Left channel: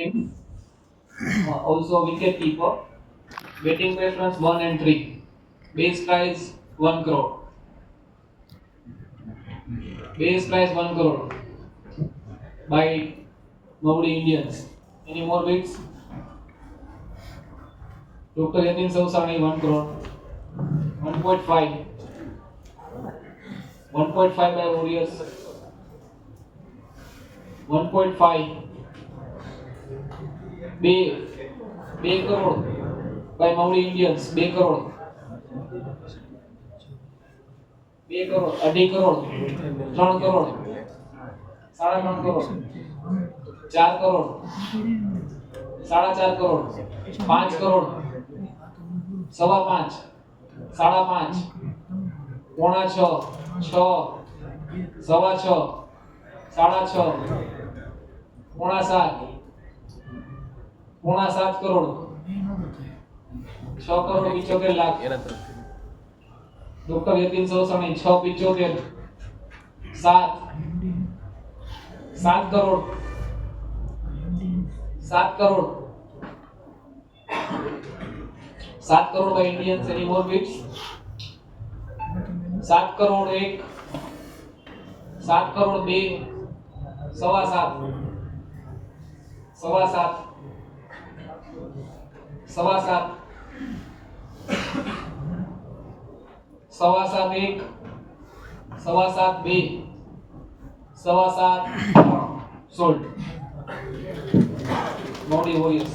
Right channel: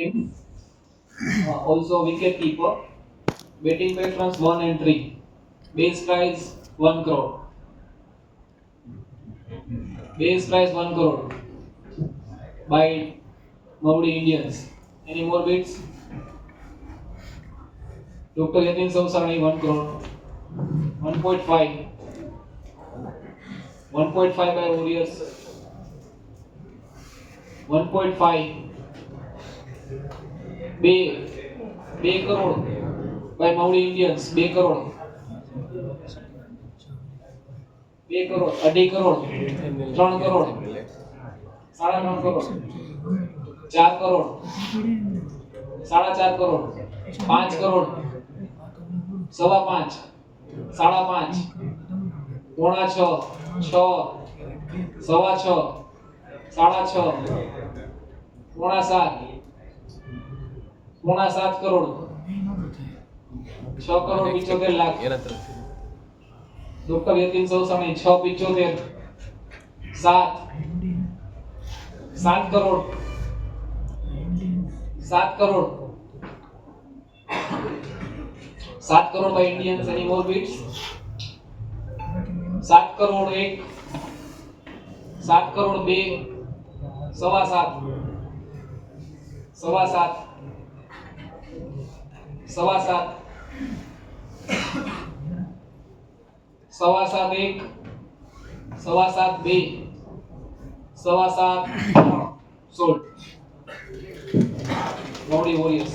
Also wicket keeper. Betting preference 1 and 3. Base price 1 crore. Base price 1 crore. By Maudi Indians. Any more bids? Dr. Yatin Sausani 1 crore. 1.5. 1.5 by Warriors. 1.5. બે crore by Maudi Indians. 2 crore. 2 crore. 2.5 crore. 3 crore. 3.5 crore. 4 crore. 4.5 crore. 5 crore. 5.5. 5.5. પોણા 6. 6. 6.5. 6.5. પોણા 7. પોણા 7 crore. 6 crore 75 lakh. Doctor Yatin Sausani 6.75. 7 crore. 7 crore. 7 crore by Indians. Any more bids? 7 crore 1. 7 crore 2. 7.5. 7.5. 7.5. 7.5 1. 7.5 2. 7.5 3. Sold. Maudi Warriors.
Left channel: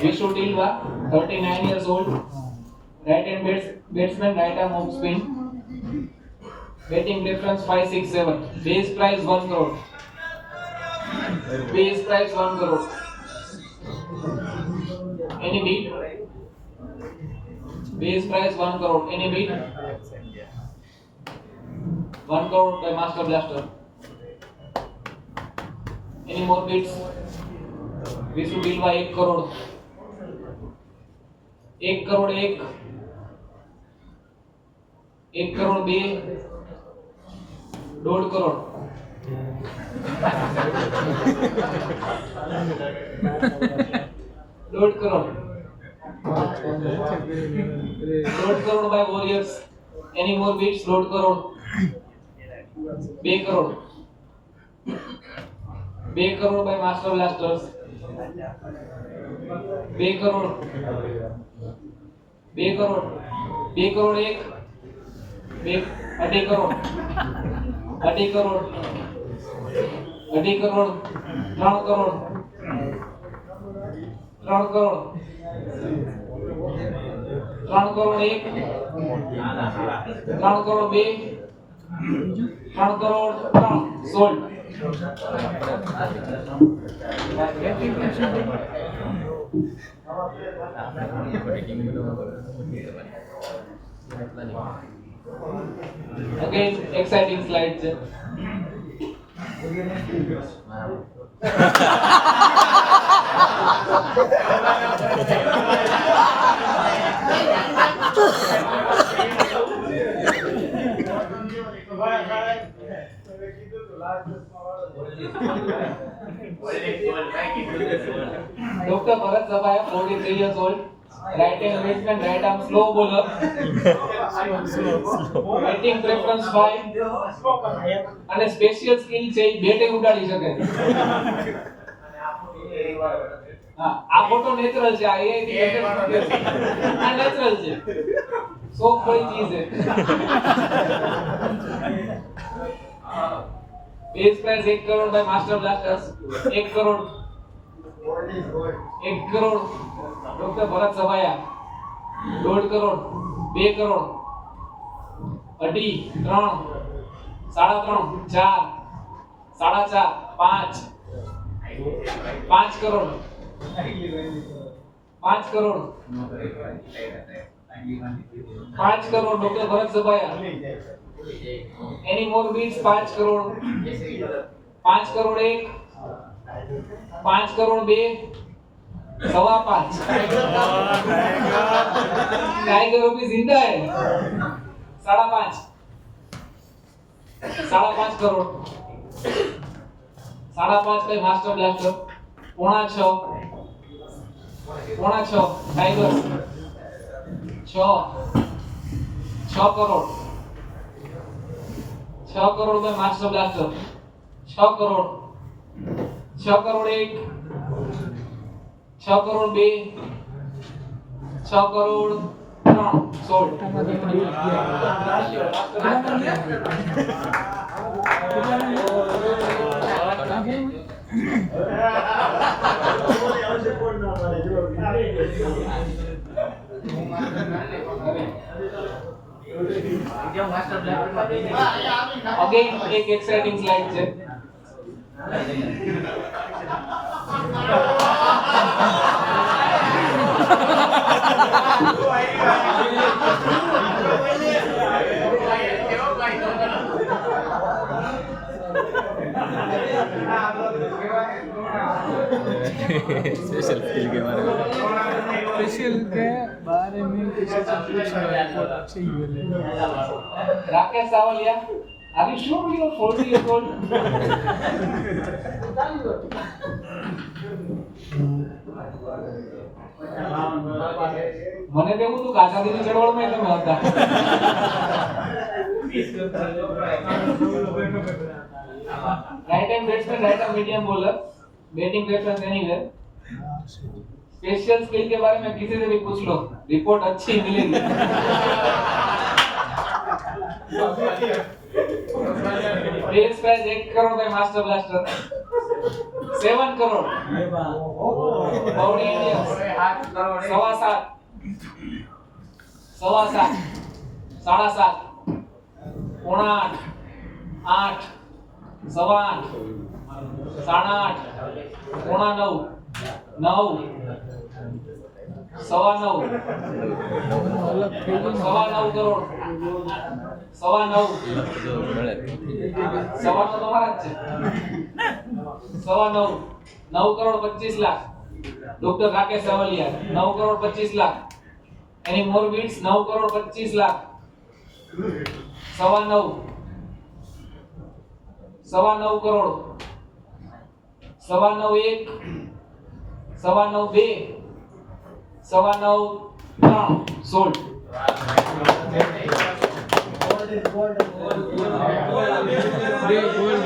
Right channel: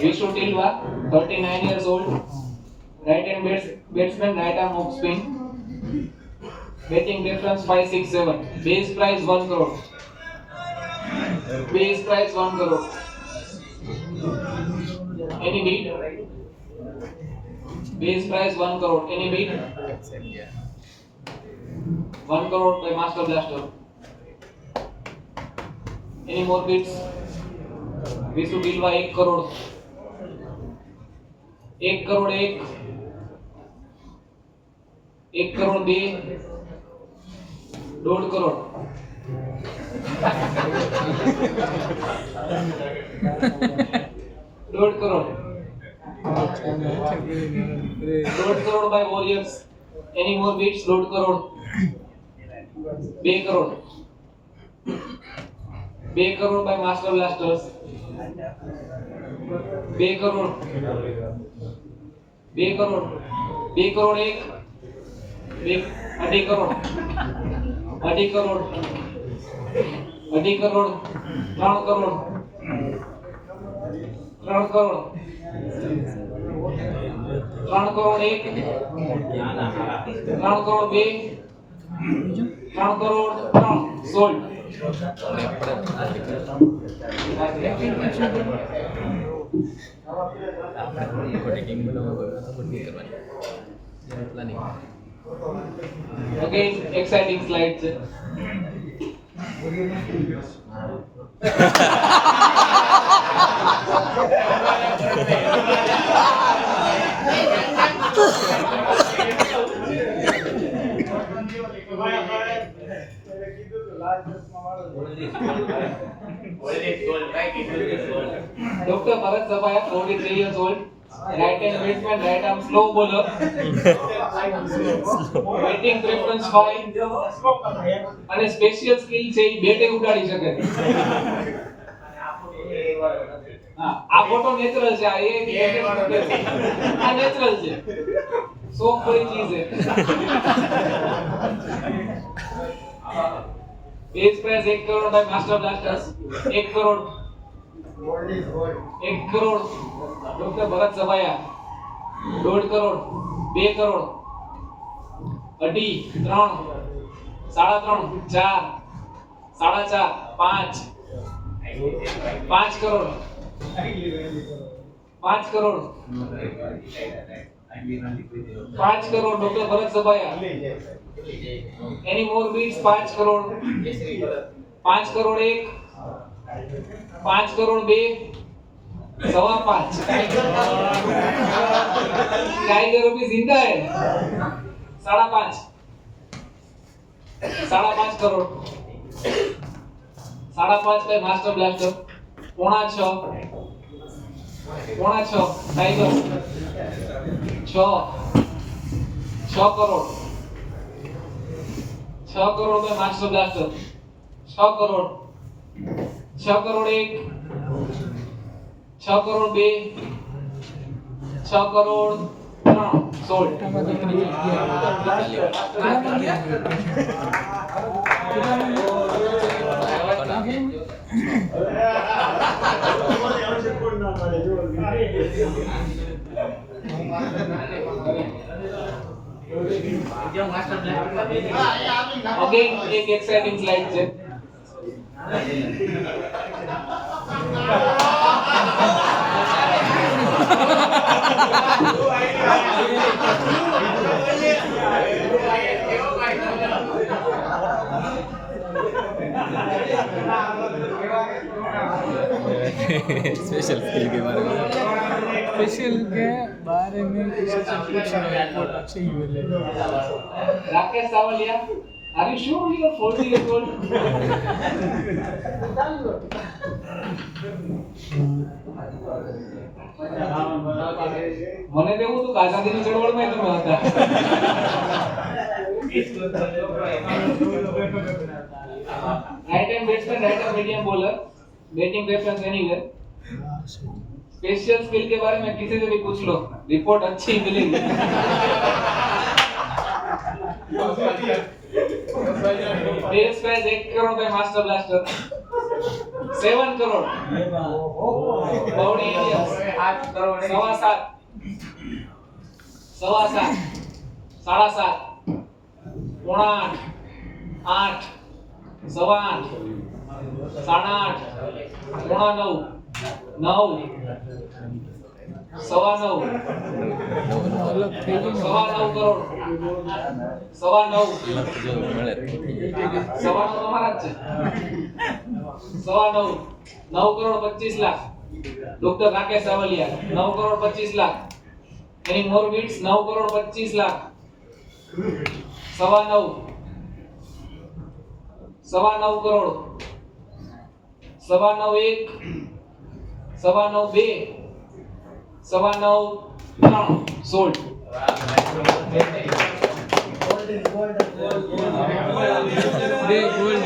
Vishu Tilwa, 39 years old, right hand batsman, right arm off spin. Betting difference 567. Base price 1 crore. Base price 1 crore. Any bid? Base price 1 crore. Any bid? 1 crore by Master Blaster. Any more bids? Vishu Tilwa 1 crore. 1 crore 1. 1 crore 2. 1.5 crore. 1.5 crore. 1.5 crore by Warriors. Any more bids? 1.5 crore. 2 crore. 2 crore by Master Blasters. 2 crore. 2 crore. 2 crore 1. 2.5 crore. 2.5 crore. 2.5 crore. 3 crore. 3 crore. 3 crore 1. 3 crore 2. 3 crore 3. Sold. Again, exciting slides. Dr. Bharat Sabaya, 43 years old, right hand batsman, right arm slow bowler. Batting preference 5. અને special skill છે ઈ બેટે ઉડાડી શકે. હા, આ photo natural છે. આ એ આ natural છે. શોખ પડી ચીજ છે. Base price 1 crore by Master Blasters. 1 crore. 1 crore. Dr. Bharat Sabaya. 1.5 crore. 2 crore. 2.5 3. 3.5 4. 4.5 5. 5 crore. 5 crore. 5 crore. Dr. Bharat Sabaya. Any more bids? 5 crore. 5 crore 1. 5 crore 2 5.25 tiger अभी जिंदा है 5.5 करोड़ 5.5 पे master blaster 6.5 tiger 6 crore 6 crore पे master blaster 6 crore 6 crore 1 6 crore 2 6 crore 3 sold Again, एक exciting slide છે. Special skill के बारे में स्पेशल के बारे में किसी से पूछ लो रिपोर्ट अच्छी ही मिले Rakesh Savaliya, are you sure you are 40 years old? મને તો એવું હતું કે આઝાદીની ચળવળમાં તમે હતા. Right hand batsman, right hand medium bowler, batting preference anywhere. Special skill के बारे में किसी से भी पूछ लो, रिपोर्ट अच्छी मिलेगी. बेस प्राइस 1 करोड़ पे मास्टर ब्लास्टर 7 करोड़ बाउडी इंडियंस 7.5 7.5 7.5 8 8 8 8 9 9 9 अलग થઈ ગઈ ને 9 करोड़ 9 जो મળે તમારા જ છે 9 crore 25 lakh doctor Rakesh Savaliya 9 crore 25 lakh any more bits 9 crore 25 lakh 9 crore 9 1 9 2 9 3 sold બે ગોલ્ડ